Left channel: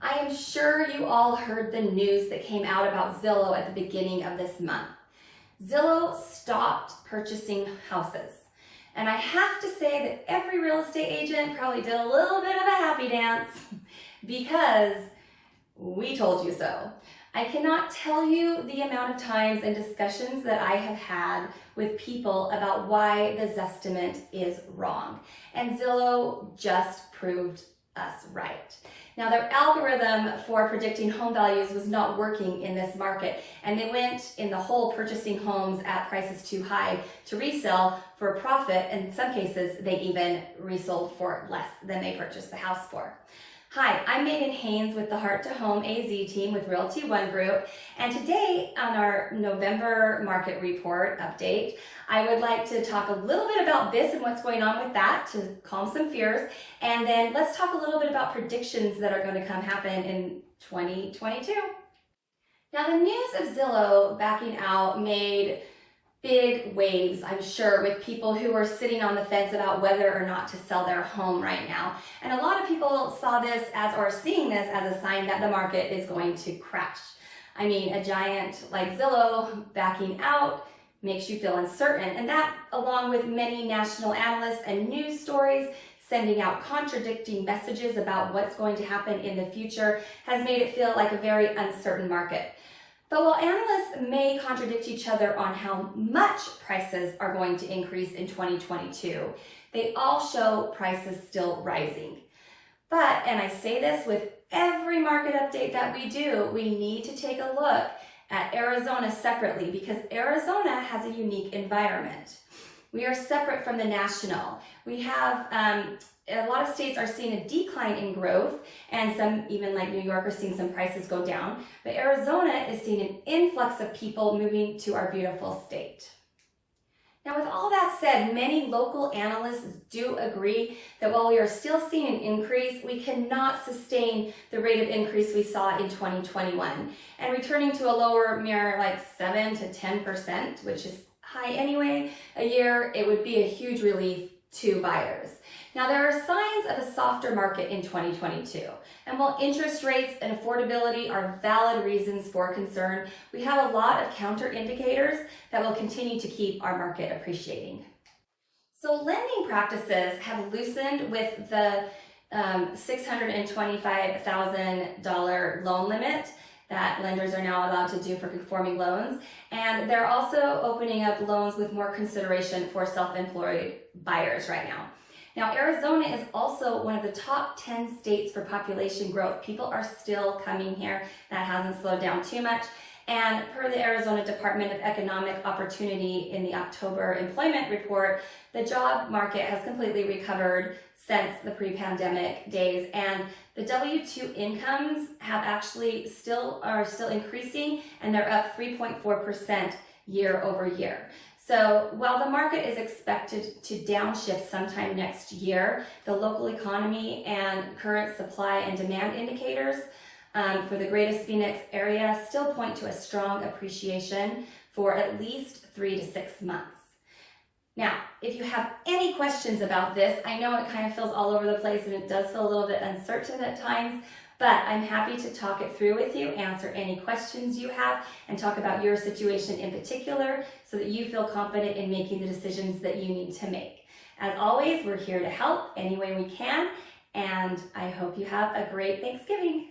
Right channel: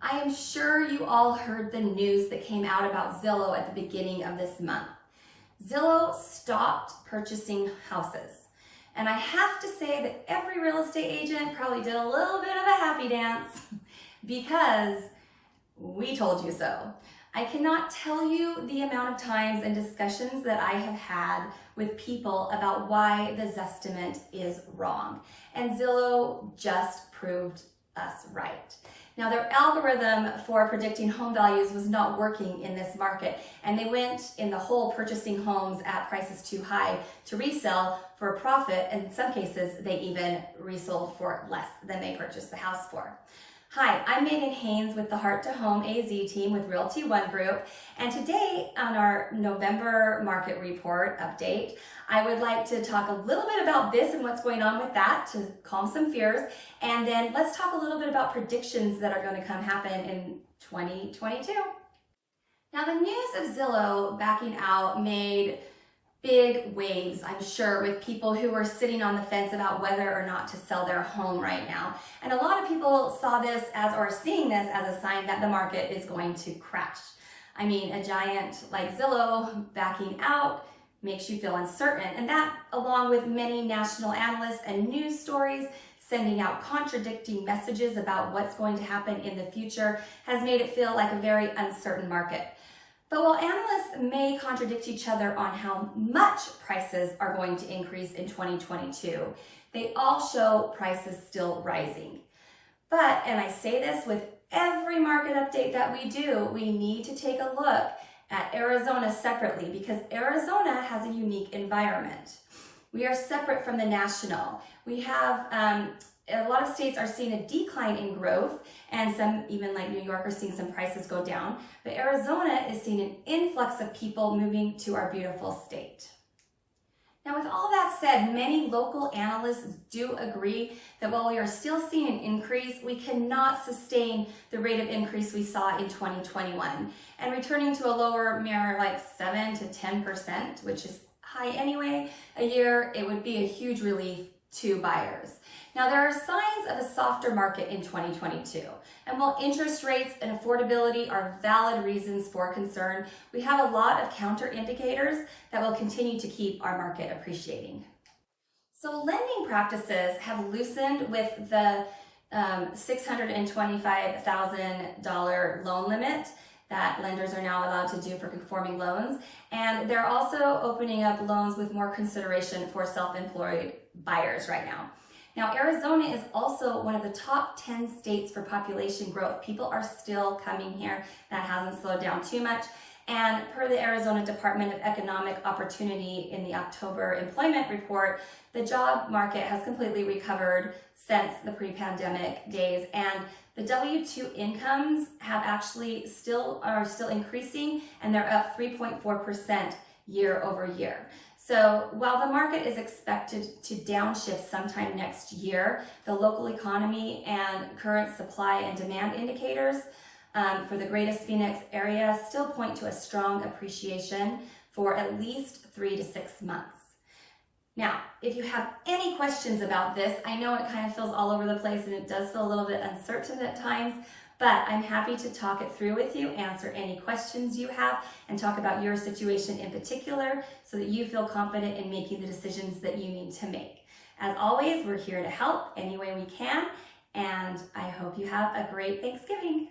I am sure you all heard the news that came out about Zillow at the beginning of this month. Zillow stopped purchasing houses. And I have to say that every real estate agent probably did a little bit of a happy dance because we told you so. I cannot tell you the amount of times and discussions that I have had with people about why the Zestimate is wrong. And Zillow just proved us right. Now, their algorithm for predicting home values was not working in this market, and they went in the hole purchasing homes at prices too high to resell for a profit. In some cases, they even resold for less than they purchased the house for. Hi, I'm Megan Haynes with the Heart to Home AZ team with Realty One Group, and today on our November market report update, I would like to talk a little bit about this and what's going on with that to calm some fears, and then let's talk a little bit about predictions that are going to come happen in 2022. Now, the news of Zillow backing out made big waves, I'm sure, with people who were sitting on the fence about whether or not to sell their home right now. And a lot of people saw this as, or seeing this as a sign that the market is going to crash. I mean, a giant like Zillow backing out makes you feel uncertain. And that, along with many national analysts and news stories sending out contradicting messages about what's going to happen in the future, has made it feel like a very uncertain market. But while analysts may contradict each other on how much prices are going to increase in 2022, they all show prices still rising. But, and I say this with every market update that we do, we need to take a look at Arizona separately because Arizona has a unique environment. We are separate from the national. We have a lot of states are seeing a decline in growth, and some, even like New York, are seeing some prices go down. But Arizona is seeing an influx of people moving to our beautiful state. Now, with all that said, many local analysts do agree that while we are still seeing an increase, we cannot sustain the rate of increase we saw in 2021. And returning to a lower mere like 7 to 10%, which is high anyway, a year, it would be a huge relief to buyers. Now, there are signs of a softer market in 2022. And while interest rates and affordability are valid reasons for concern, we have a lot of counter indicators that will continue to keep our market appreciating. So lending practices have loosened with the $625,000 loan limit that lenders are now allowed to do for conforming loans. And they're also opening up loans with more consideration for self-employed buyers right now. Now, Arizona is also one of the top 10 states for population growth. People are still coming here. That hasn't slowed down too much. And per the Arizona Department of Economic Opportunity in the October employment report, the job market has completely recovered since the pre-pandemic days. And the W-2 incomes have actually are still increasing, and they're up 3.4% year over year. So while the market is expected to downshift sometime next year, the local economy and current supply and demand indicators for the greatest Phoenix area still point to a strong appreciation for at least 3 to 6 months. Now, if you have any questions about this, I know it kind of feels all over the place and it does feel a little bit uncertain at times, but I'm happy to talk it through with you, answer any questions you have, and talk about your situation in particular so that you feel confident in making the decisions that you need to make. As always, we're here to help any way we can, and I hope you have a great Thanksgiving.